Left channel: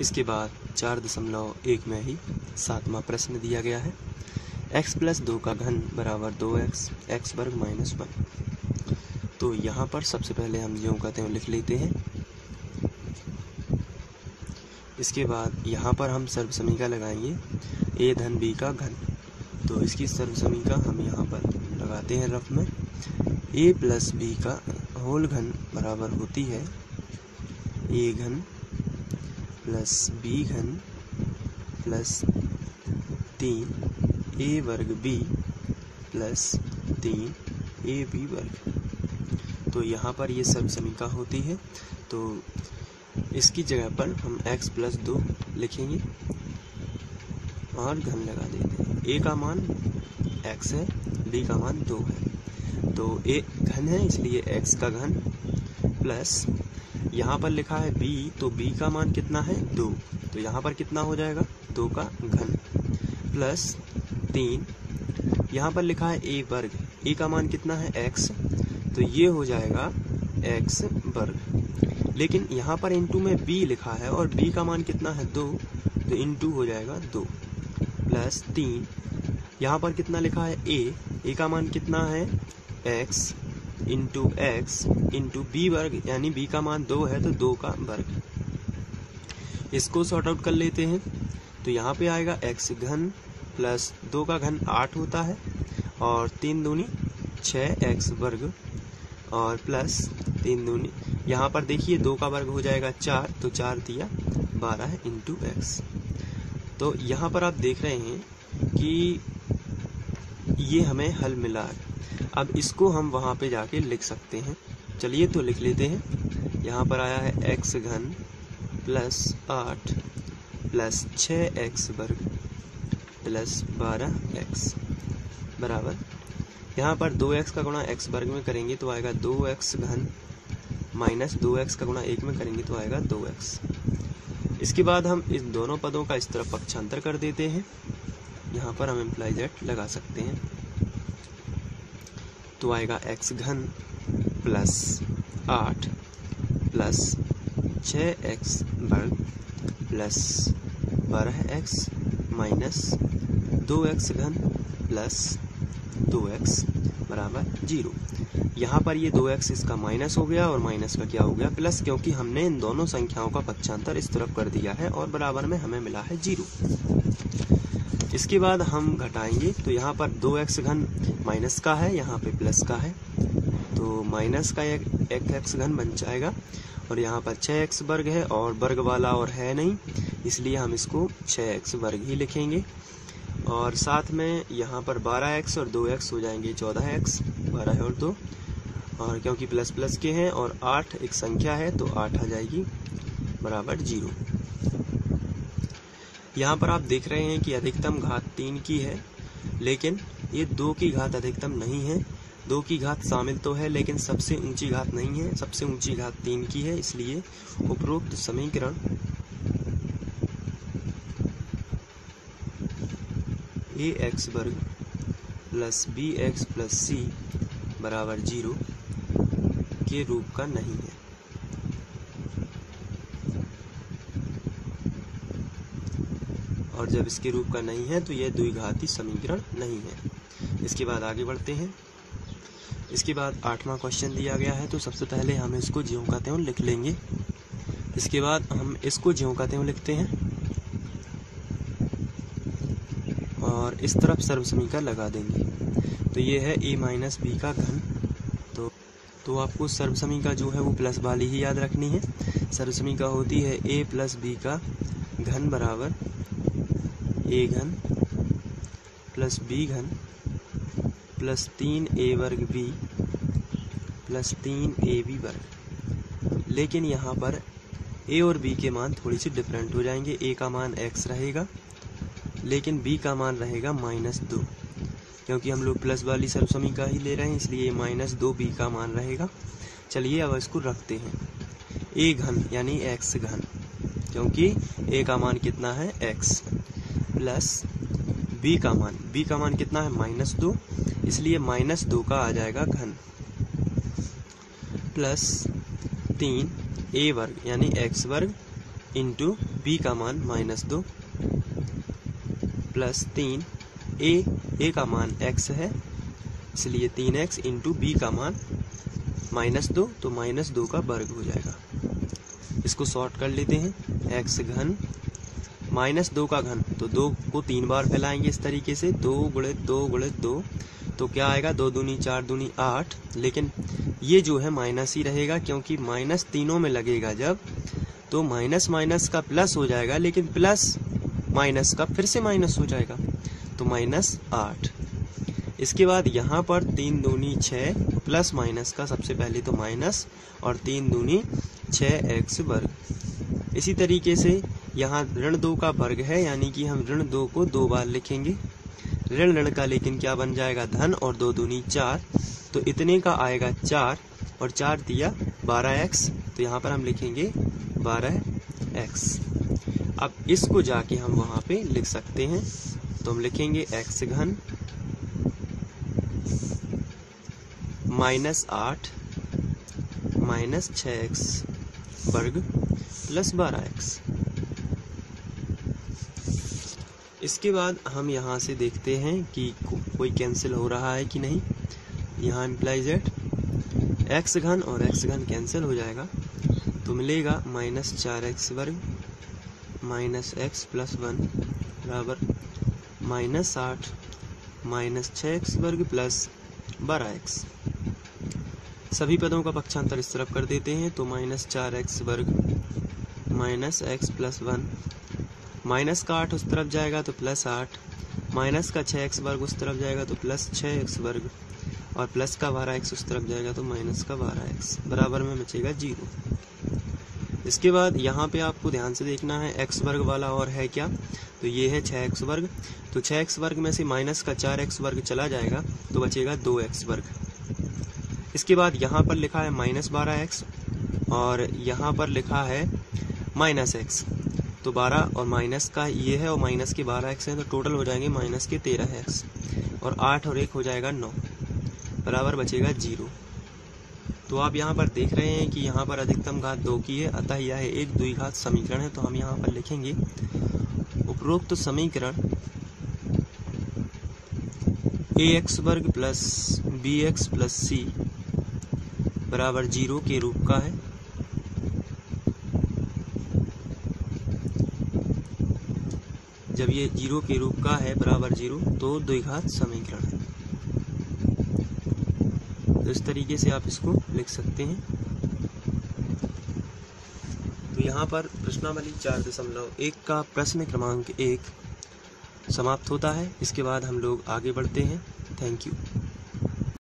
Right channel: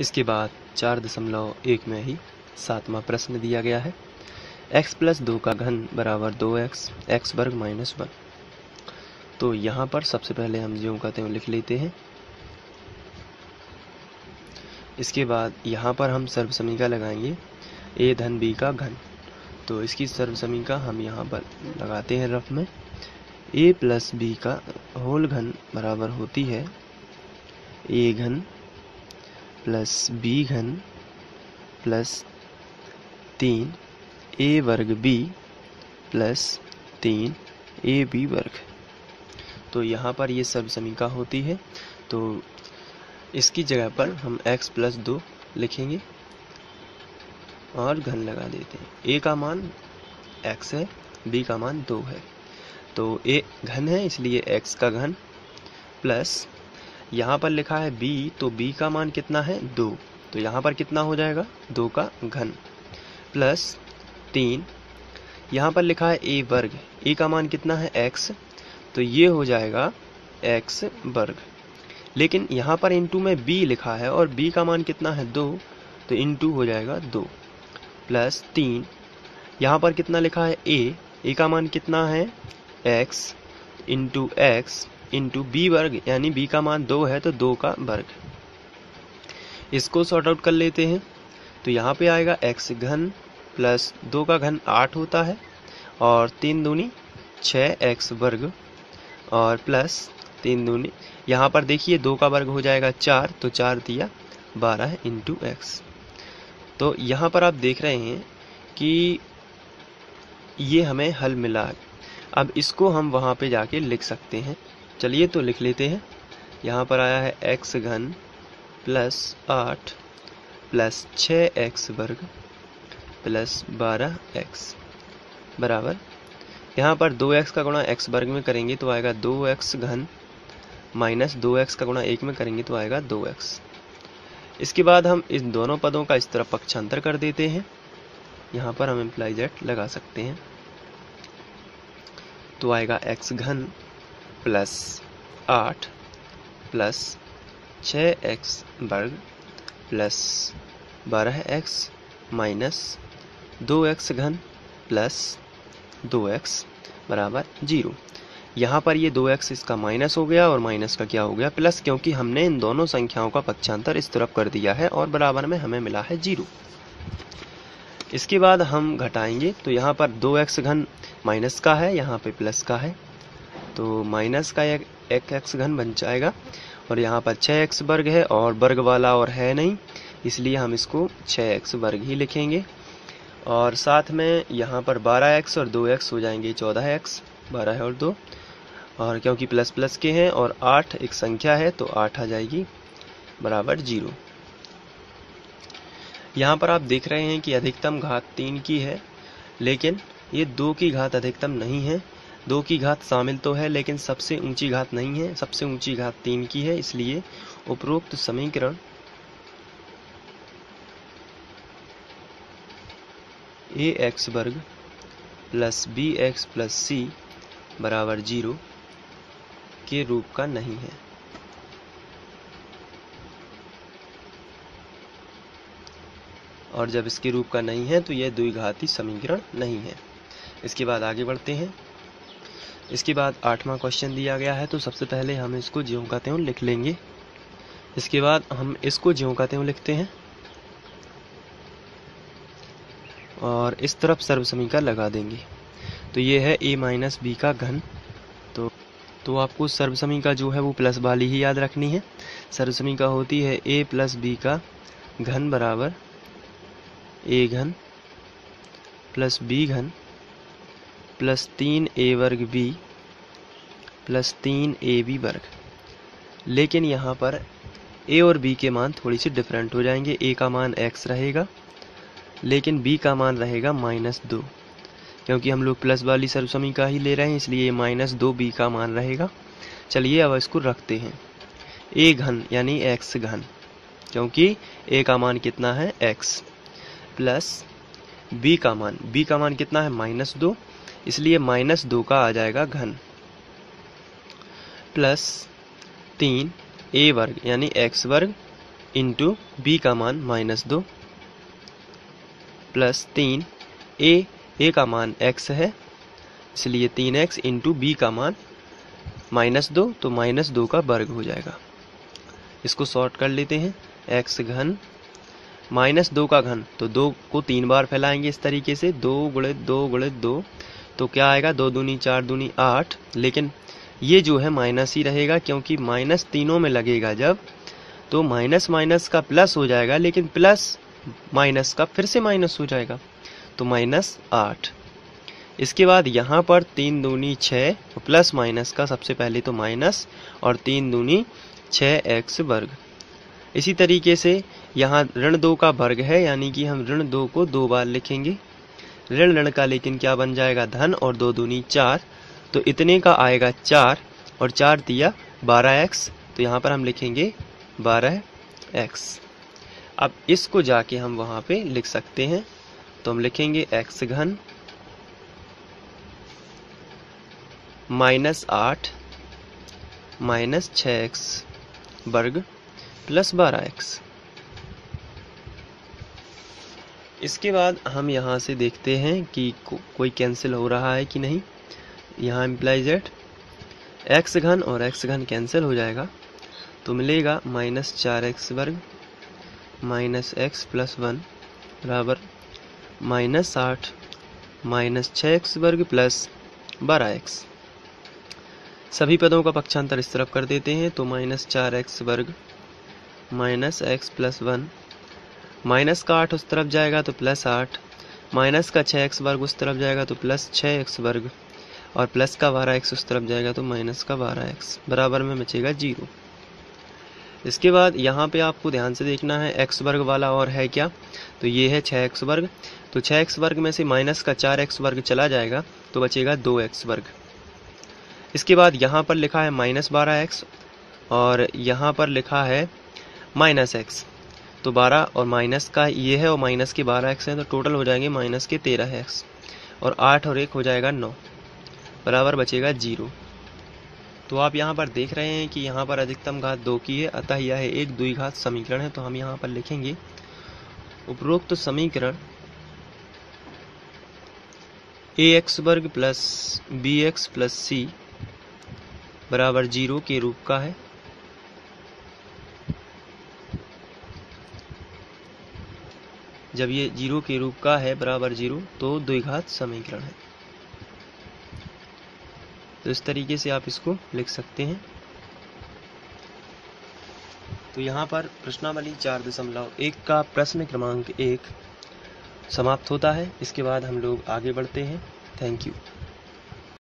इसके बाद 4.1 में ही 7वां प्रश्न दिया गया है, x प्लस 2 का घन बराबर 2x x वर्ग माइनस 1। तो यहाँ पर सबसे पहले हम ज्यों का त्यों लिख लेते हैं। इसके बाद यहाँ पर हम सर्वसमीका लगाएंगे a धन b का घन। तो इसकी सर्वसमीका हम यहाँ पर लगाते हैं रफ में। a प्लस b का होल घन बराबर होती है a घन प्लस b घन प्लस 3 a वर्ग b प्लस 3 ab वर्ग। तो यहाँ पर ये सर्वसमीका होती है। तो इसकी जगह पर हम x प्लस 2 लिखेंगे और घन लगा देते हैं। a का मान x है, b का मान 2 है। तो a घन है इसलिए x का घन प्लस यहाँ पर लिखा है b, तो b का मान कितना है 2, तो यहाँ पर कितना हो जाएगा 2 का घन प्लस 3। यहाँ पर लिखा है a वर्ग, a का मान कितना है x, तो ये हो जाएगा x वर्ग। लेकिन यहाँ पर इंटू में b लिखा है और b का मान कितना है 2, तो इंटू हो जाएगा 2 प्लस 3। यहाँ पर कितना लिखा है a का मान कितना है x into x into b वर्ग, यानी b का मान 2 है तो 2 का वर्ग। इसको सॉर्ट आउट कर लेते हैं। तो यहाँ पे आएगा x घन प्लस 2 का घन 8 होता है और 3 दूनी 6x वर्ग और प्लस 3 दूनी, यहाँ पर देखिए 2 का वर्ग हो जाएगा 4, तो 4 दिया 12 इंटू एक्स। तो यहाँ पर आप देख रहे हैं कि ये हमें हल मिला। अब इसको हम वहाँ पे जाके लिख सकते हैं। चलिए तो लिख लेते हैं। यहाँ पर आया है x घन प्लस 8 प्लस 6x वर्ग प्लस 12x बराबर, यहाँ पर 2x का गुणा x वर्ग में करेंगे तो आएगा 2x घन माइनस 2x का गुणा 1 में करेंगे तो आएगा 2x। इसके बाद हम इस दोनों पदों का इस तरफ पक्षांतर कर देते हैं। यहाँ पर हम इम्प्लाई जेट लगा सकते हैं। तो आएगा x घन प्लस 8 प्लस 6x वर्ग प्लस 12x माइनस 2x घन प्लस 2x बराबर 0। यहाँ पर ये 2x इसका माइनस हो गया और माइनस का क्या हो गया प्लस, क्योंकि हमने इन दोनों संख्याओं का पक्षांतर इस तरफ कर दिया है और बराबर में हमें मिला है 0। इसके बाद हम घटाएंगे तो यहाँ पर 2x घन माइनस का है, यहाँ पे प्लस का है, तो माइनस का एक x घन बन जाएगा और यहाँ पर 6x वर्ग है और वर्ग वाला और है नहीं, इसलिए हम इसको 6x वर्ग ही लिखेंगे। और साथ में यहाँ पर 12x और 2x हो जाएंगे 14x, 12 और 2, और क्योंकि प्लस प्लस के हैं और 8 एक संख्या है तो 8 आ जाएगी बराबर 0। यहाँ पर आप देख रहे हैं कि अधिकतम घात 3 की है, लेकिन ये 2 की घात अधिकतम नहीं है। 2 की घात शामिल तो है लेकिन सबसे ऊंची घात नहीं है, सबसे ऊंची घात 3 की है। इसलिए उपरोक्त समीकरण ax वर्ग प्लस bx प्लस c बराबर 0 के रूप का नहीं है। और जब इसके रूप का नहीं है तो यह द्विघाती समीकरण नहीं है। इसके बाद आगे बढ़ते हैं। इसके बाद 8वां क्वेश्चन दिया गया है, तो सबसे पहले हम इसको ज्यों का त्यों लिख लेंगे। इसके बाद हम इसको ज्यों का त्यों लिखते हैं और इस तरफ सर्वसमीका लगा देंगे। तो ये है a माइनस बी का घन। तो आपको सर्वसमीका जो है वो प्लस वाली ही याद रखनी है। सर्वसमीका होती है a प्लस बी का घन बराबर a घन प्लस b घन प्लस 3a वर्ग b प्लस 3ab वर्ग। लेकिन यहाँ पर a और b के मान थोड़ी सी डिफरेंट हो जाएंगे। a का मान x रहेगा लेकिन b का मान रहेगा -2, क्योंकि हम लोग प्लस वाली सर्वसमीका ही ले रहे हैं, इसलिए -2b का मान रहेगा। चलिए अब इसको रखते हैं। a घन यानी x घन, क्योंकि a का मान कितना है x, प्लस b का मान कितना है -2, इसलिए -2 का आ जाएगा घन, प्लस 3a वर्ग यानी x वर्ग इंटू बी का मान -2 प्लस 3 ए का मान x है इसलिए 3x इंटू बी का मान -2 तो -2 का वर्ग हो जाएगा। इसको शॉर्ट कर लेते हैं, x घन -2 का घन तो 2 को 3 बार फैलाएंगे इस तरीके से 2 गुणित 2 गुणित 2 तो क्या आएगा 2 दूनी 4 दूनी 8, लेकिन ये जो है माइनस ही रहेगा क्योंकि माइनस तीनों में लगेगा जब तो माइनस माइनस का प्लस हो जाएगा, लेकिन प्लस माइनस का फिर से माइनस हो जाएगा तो -8। इसके बाद यहाँ पर 3 दूनी 6 प्लस माइनस का सबसे पहले तो माइनस और 3 दूनी 6x वर्ग। इसी तरीके से यहाँ ऋण 2 का वर्ग है यानी कि हम ऋण 2 को 2 बार लिखेंगे, ऋण का लेकिन क्या बन जाएगा धन और 2 दूनी 4 तो इतने का आएगा 4 और 4 दिया 12x तो यहाँ पर हम लिखेंगे 12x। अब इसको जाके हम वहाँ पे लिख सकते हैं तो हम लिखेंगे x घन -8 -6x वर्ग प्लस 12x। इसके बाद हम यहाँ से देखते हैं कि कोई कैंसिल हो रहा है कि नहीं। यहाँ इम्प्लाइज एट x घन और x घन कैंसिल हो जाएगा तो मिलेगा -4x वर्ग -x + 1 बराबर -8 -6x वर्ग प्लस 12x। सभी पदों का पक्षांतर इस तरफ कर देते हैं तो -4x वर्ग -x + 1 माइनस का 8 उस तरफ जाएगा तो +8 माइनस का 6x वर्ग उस तरफ जाएगा तो +6x वर्ग और प्लस का 12x उस तरफ जाएगा तो माइनस का 12x बराबर में बचेगा 0। इसके बाद यहाँ पे आपको ध्यान से देखना है x वर्ग वाला और है क्या, तो ये है 6x वर्ग तो 6x वर्ग में से माइनस का 4x वर्ग चला जाएगा तो बचेगा 2x वर्ग। इसके बाद यहाँ पर लिखा है -12x और यहाँ पर लिखा है -x तो 12 और माइनस का ये है और माइनस के 12x हैं तो टोटल हो जाएंगे माइनस के 13x और 8 और 1 हो जाएगा 9 बराबर बचेगा 0। तो आप यहाँ पर देख रहे हैं कि यहाँ पर अधिकतम घात 2 की है, अतः यह एक द्विघात समीकरण है। तो हम यहाँ पर लिखेंगे उपरोक्त समीकरण ax वर्ग प्लस bx प्लस c बराबर 0 के रूप का है। जब ये 0 के रूप का है बराबर 0 तो द्विघात समीकरण है। तो इस तरीके से आप इसको लिख सकते हैं। तो यहाँ पर प्रश्नावली 4.1 का प्रश्न क्रमांक 1 समाप्त होता है। इसके बाद हम लोग आगे बढ़ते हैं। Thank you.